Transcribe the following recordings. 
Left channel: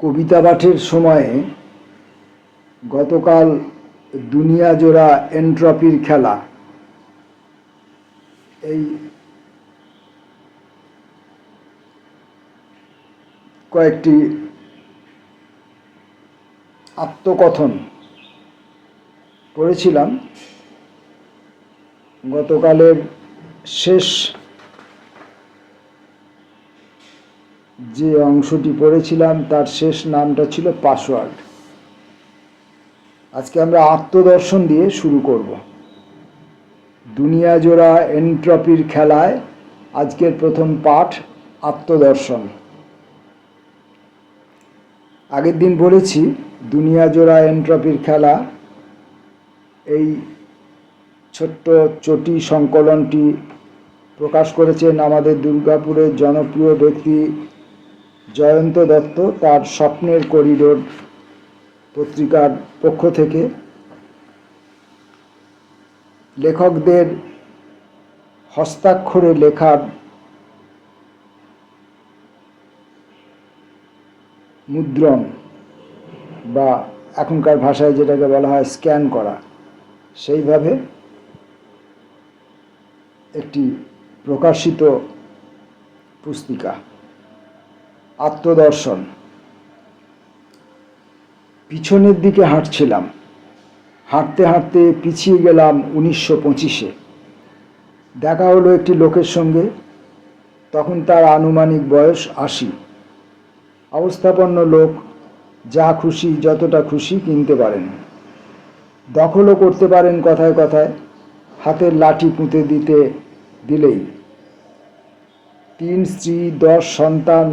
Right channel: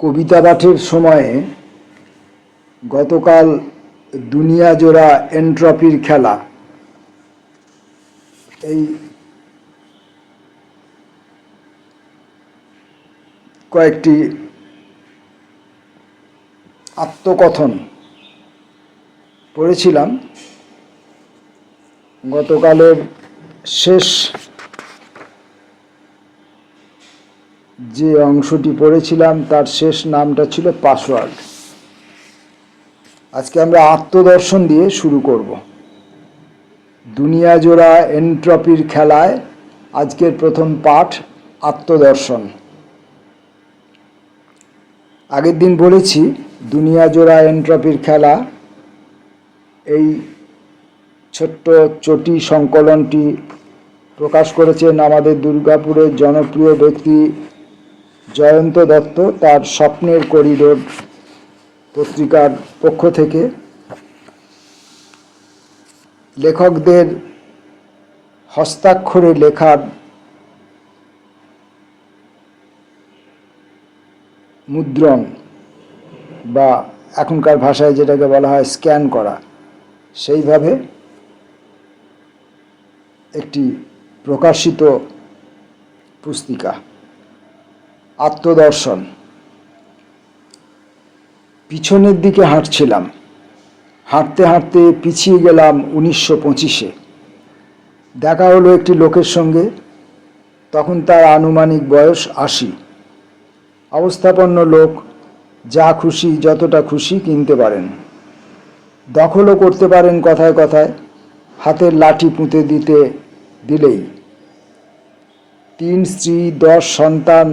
কবিতা পাঠের সময়ে গতকাল দুনিয়া জোড়া এন্ট্রপির খেলা এই কয়েকটি আত্মকথন পড়েছিলাম। গতকালের শেষ যে অংশটি পড়েছিলাম তার শেষ নামটা ছিল পাসওয়ার্ড। আজকে আমরা আত্মদর্শন দিয়ে শুরু করব। দুনিয়া জোড়া এন্ট্রপির খেলায় আজকের প্রথম পাঠ আত্মদর্শন। আগের দিন বলেছি দুনিয়া জোড়া এন্ট্রপির খেলা এই ছোট্ট চটি সংকলনটি প্রকাশ করেছেন আমাদের দুর্গাপুরের জনপ্রিয় ব্যক্তি জয়ন্ত দত্ত তার স্বপ্নের করিডোর পত্রিকার পক্ষ থেকে। লেখকদের হস্তাক্ষরে লেখার মুদ্রণ বা এখনকার ভাষায় যেটাকে বলা হয় স্ক্যান করা, সেইভাবে একটি প্রকাশিত পুস্তিকা আত্মদর্শন। পিছনের দিকে হাঁটছিলাম, হাঁটতে হাঁটতে পিছিয়ে গেলাম 1925-এ। দেখা হলো একটি লোকের সঙ্গে। তখন তার আনুমানিক বয়স 80। অবস্থাপন্ন লোক, যা খুশি যতটা খুশি কিনতে পারেন, দখলও করতে পারেন কথায় কথায়, হাতের লাঠি পুঁতে দিলেই। 3 স্ত্রী, 10 সন্তান,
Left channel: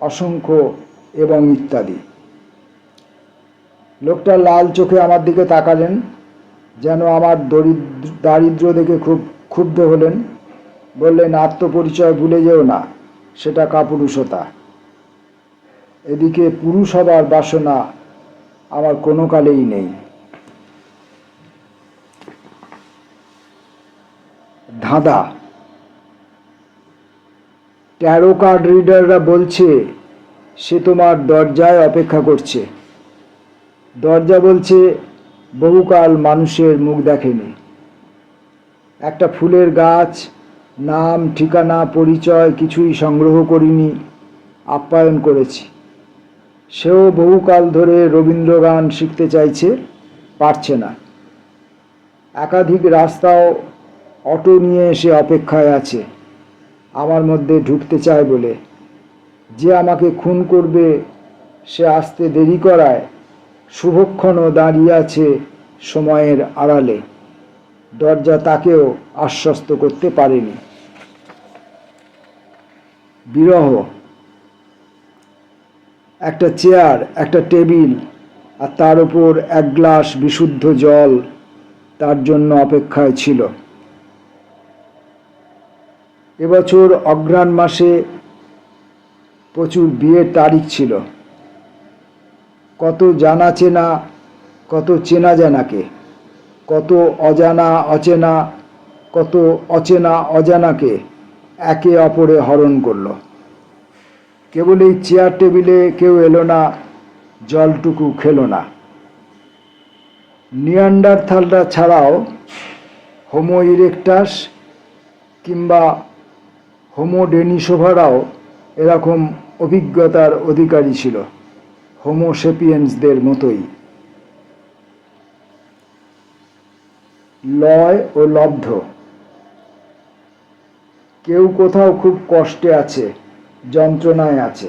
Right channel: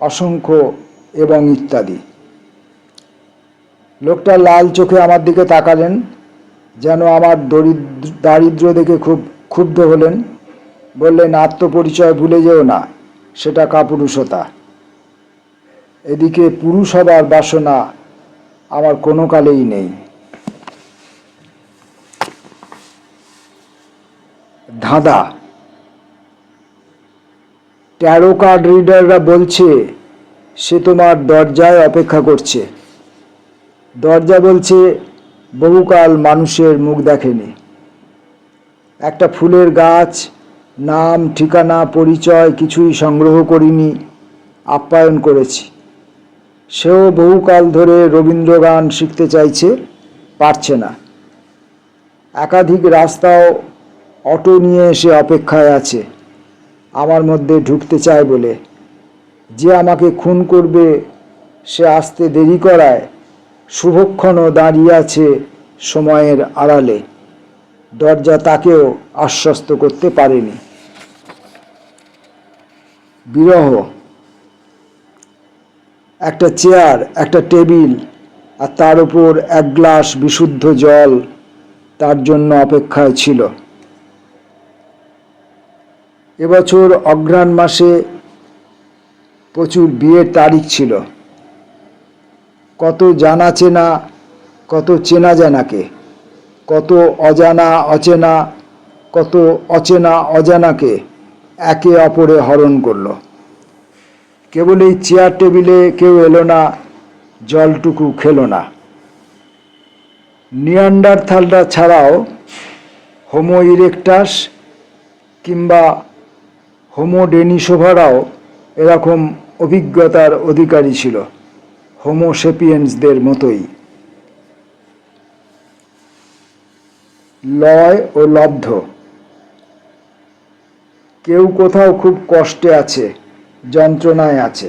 অসংখ্য এবং ইত্যাদি। লোকটা লাল চোখে আমার দিকে তাকালেন, যেন আমার দারিদ্র্য দেখে খুব ক্ষুব্ধ হলেন। বললেন, আত্মপরিচয় ভুলে যেও না, সেটা কাপুরুষতা। এদিকে পুরুষ হবার বাসনা আমার কোনো কালেই নেই। ধাঁধা। ট্যারো কার্ড রিডাররা বলছে সে তোমার দরজায় অপেক্ষা করছে। দরজা বলছে বহুকাল মানুষের মুখ দেখেনি। একটা ফুলের গাছ, নাম, ঠিকানা, পরিচয় কিছুই সংগ্রহ করিনি, আপ্যায়ন করেছি। সেও বহুকাল ধরে রবীন্দ্রগান শিখতে চাইছে, পারছে না। একাধিক রাস্তাও অটো নিয়ে এসে অপেক্ষায় আছে আমার মধ্যে ঢুকতে চায় বলে। যে আমাকে খুন করবে সে আসতে দেরি করায় শুভক্ষণও দাঁড়িয়ে আছে সময়ের আড়ালে। দরজা তাকেও আশ্বস্ত করতে পারেনি। বিরহ। একটা চেয়ার, একটা টেবিল, আর তার উপর 1 গ্লাস বিশুদ্ধ জল তার জন্য অপেক্ষায় ছিল। এবছর অঘ্রাণ মাসে প্রচুর বিয়ের তারিখ ছিল। কত জানা চেনা, কত চেনা জানাকে, কত অজানা অচেনা, কত অচেনা অজানাকে একে অপরে হরণ করল। কেবল এই চেয়ার টেবিলে কেউ এলো না, জলটুকু খেলো না। নিয়ান্ডারথালরা ছাড়াও হোমো ইরেকটাস কিংবা হোমো ডেনিসোভারাও এরকম অভিজ্ঞতার অধিকারী ছিল, হোমো সেপিয়েন্সদের মতোই। লয় ও লব্ধ। কেউ কোথাও খুব কষ্টে আছে, যন্ত্রণায় আছে।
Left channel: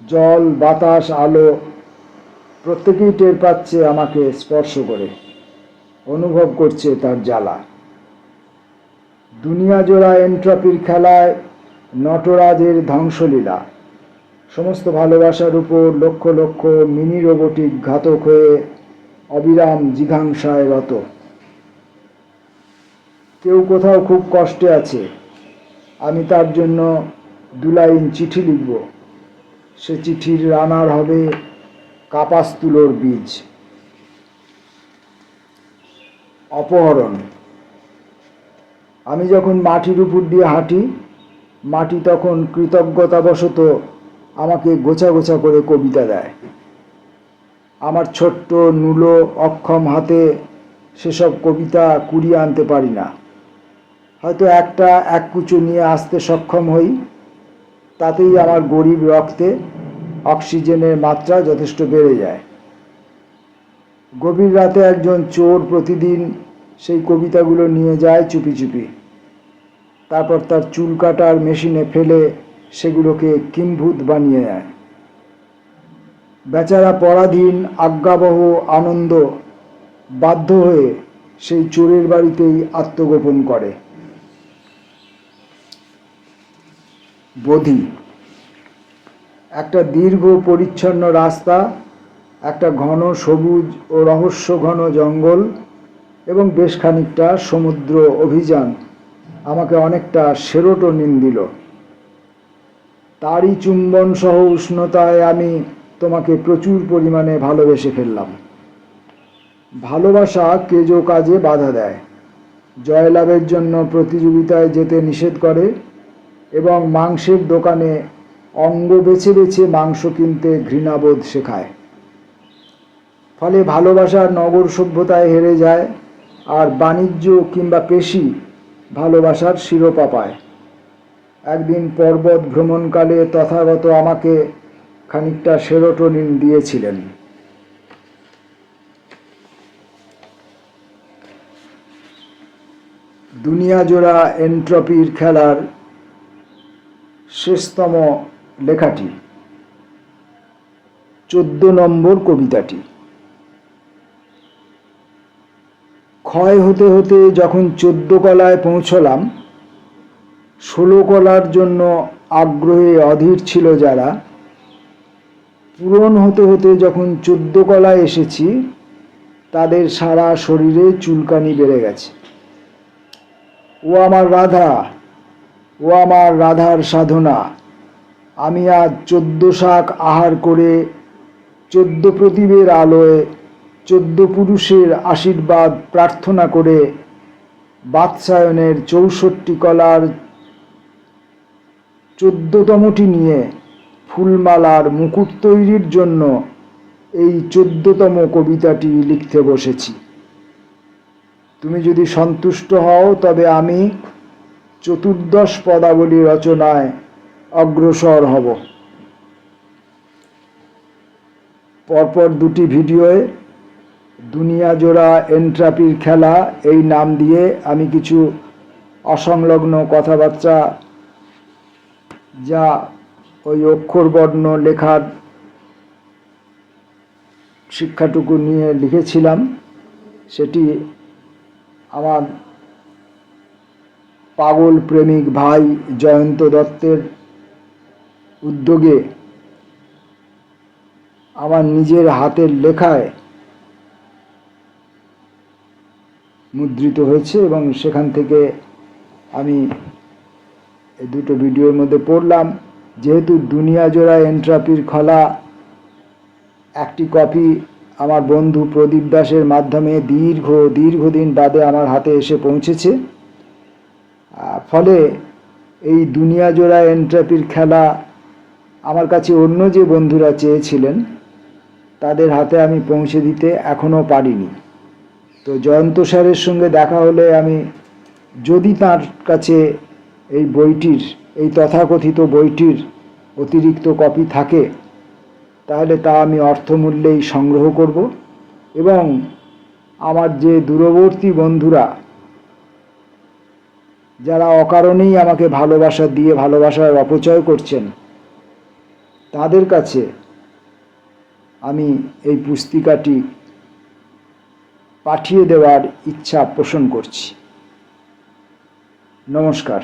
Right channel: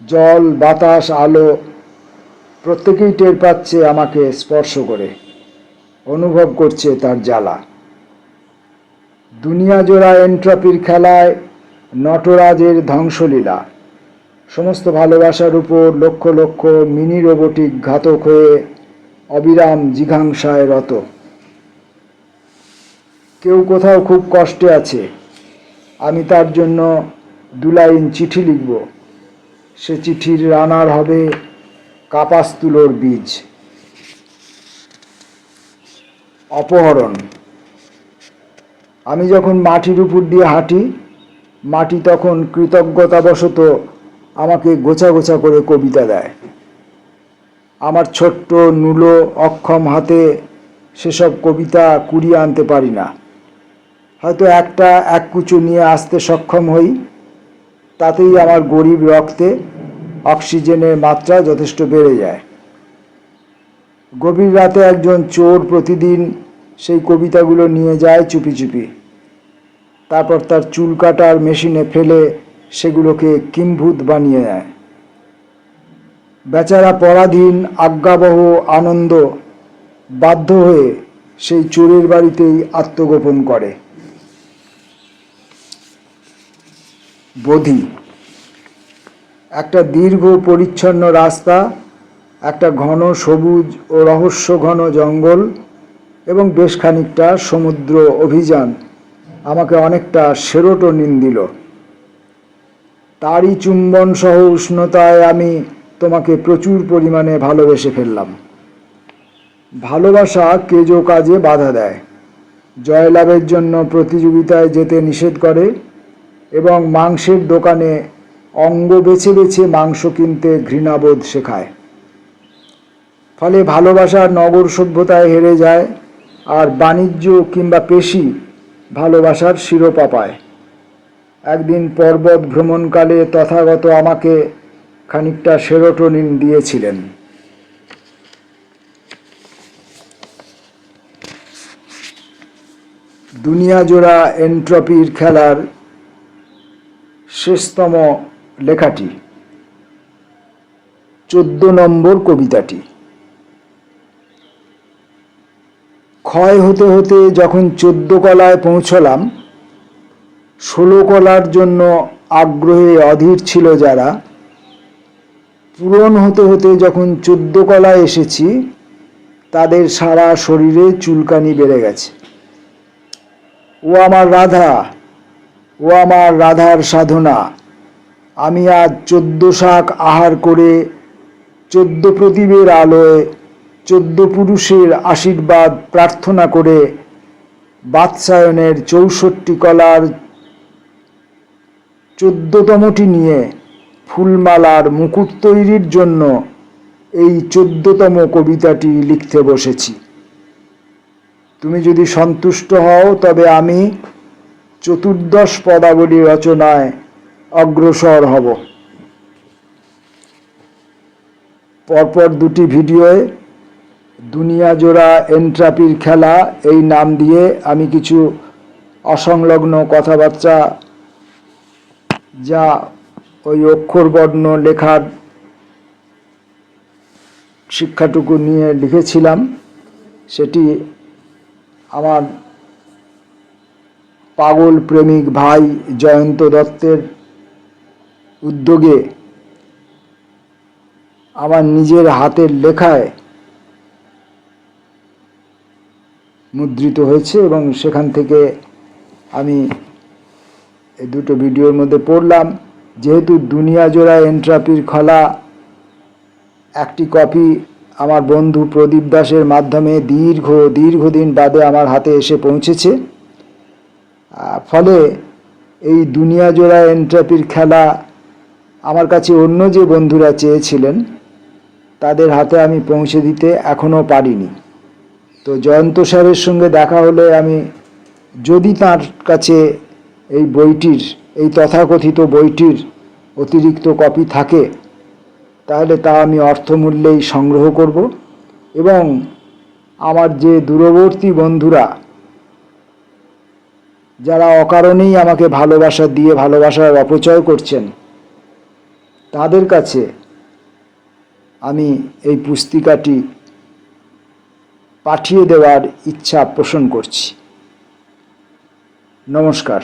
জল, বাতাস, আলো প্রত্যেকেই টের পাচ্ছে আমাকে স্পর্শ করে, অনুভব করছে তার জ্বালা। দুনিয়া জোড়া এন্ট্রপির খেলায় নটরাজের ধ্বংসলীলা। সমস্ত ভালোবাসার উপর লক্ষ লক্ষ মিনি রোবোটিক ঘাতক হয়ে অবিরাম জিঘাংসায় রত। কেউ কোথাও খুব কষ্টে আছে, আমি তার জন্য 2 লাইন চিঠি লিখব। সে চিঠির রানার হবে কাপাস তুলোর বীজ। অপহরণ। আমি যখন মাটির উপর দিয়ে হাঁটি, মাটি তখন কৃতজ্ঞতাবশত আমাকে গোছা গোছা করে কবিতা দেয়। আমার ছোট্ট নুলো অক্ষম হাতে সেসব কবিতা কুড়িয়ে আনতে পারি না। হয়তো এক কুচো নিয়ে আসতে সক্ষম হই, তাতেই আমার গরিব রক্তে অক্সিজেনের মাত্রা যথেষ্ট বেড়ে যায়। গভীর রাতে একজন চোর প্রতিদিন সেই কবিতাগুলো নিয়ে যায় চুপি চুপি। তারপর তার চুল কাটার মেশিনে ফেলে সেগুলোকে কিম্ভূত বানিয়ে নেয়। বেচারা পরাধীন আজ্ঞাবহ আনন্দ বাধ্য হয়ে সেই চোরের বাড়িতেই আত্মগোপন করে। বধি। একটা দীর্ঘ পরিচ্ছন্ন রাস্তা, একটা ঘন সবুজ ও রহস্য ঘন জঙ্গল এবং বেশ খানিকটা সমুদ্র অভিযান আমাকে অনেকটা সেরোটোনিন দিল। তারই চুম্বন সহ উষ্ণতায় আমি তোমাকে প্রচুর পরিমাণে ভালোবেসে ফেললাম। ভালোবাসা কেজো কাজে বাধা দেয়, জয়লাভের জন্য প্রতিযোগিতায় যেতে নিষেধ করে এবং মাংসের দোকানে অঙ্গ বেছে বেছে মাংস কিনতে ঘৃণাবোধ শেখায়। ফলে ভালোবাসার নগর সভ্যতায় হেরে যায়, আর বাণিজ্য কিংবা পেশি ভালোবাসার শিরোপা পায়। একদিন পর্বত ভ্রমণকালে তথাগত আমাকে খানিকটা সেরোটোনিন দিয়েছিলেন। দুনিয়া জোড়া এন্ট্রপির খেলার শেষতম লেখাটি, 14 নম্বর কবিতাটি। ক্ষয় হতে হতে যখন 14 কলায় পৌঁছলাম, 16 কলার জন্য আগ্রহে অধীর ছিল যারা, পূরণ হতে হতে যখন 14 কলায় এসেছি, তাদের সারা শরীরে চুলকানি বেড়ে গেছে। ও আমার রাধা, ও আমার রাধার সাধনা, আমি আজ 14 শাক আহার করে 14 প্রদীপের আলোয় 14 পুরুষের আশীর্বাদ প্রার্থনা করে বাৎসায়নের 64 কলার 14তমটি নিয়ে ফুলমালার মুকুট তৈরির জন্য এই 14তম কবিতাটি লিখতে বসেছি। তুমি যদি সন্তুষ্ট হও তবে আমি 14 পদাবলী রচনায় অগ্রসর হব। পরপর দুটি ভিডিওয়ে দুনিয়া জোড়া এন্ট্রাপির খেলা এই নাম দিয়ে আমি কিছু অসংলগ্ন কথাবার্তা, যা ওই অক্ষরবর্ণ লেখার শিক্ষাটুকু নিয়ে লিখেছিলাম, সেটি আমার পাগল প্রেমিক ভাই জয়ন্ত দত্তের উদ্যোগে আমার নিজের হাতের লেখায় মুদ্রিত হয়েছে এবং সেখান থেকে আমি এই দুটো ভিডিওর মধ্যে পড়লাম। যেহেতু দুনিয়া জোড়া এন্ট্রাপির খেলা একটি কপি আমার বন্ধু প্রদীপ দাসের মাধ্যমে দীর্ঘদিন বাদে আমার হাতে এসে পৌঁছেছে, ফলে এই দুনিয়া জোড়া এন্ট্রাপির খেলা আমার কাছে অন্য যে বন্ধুরা চেয়েছিলেন তাদের হাতে আমি পৌঁছে দিতে এখনও পারিনি। তো জয়ন্ত স্যারের সঙ্গে দেখা হলে আমি যদি তার কাছে এই বইটির, এই তথাকথিত বইটির অতিরিক্ত কপি থাকে, তাহলে তা আমি অর্থমূল্যেই সংগ্রহ করব এবং আমার যে দূরবর্তী বন্ধুরা যারা অকারণেই আমাকে ভালোবাসা দিয়ে ভালোবাসার অপচয় করছেন, তাদের কাছে আমি এই পুস্তিকাটি পাঠিয়ে দেওয়ার ইচ্ছা পোষণ করছি। নমস্কার।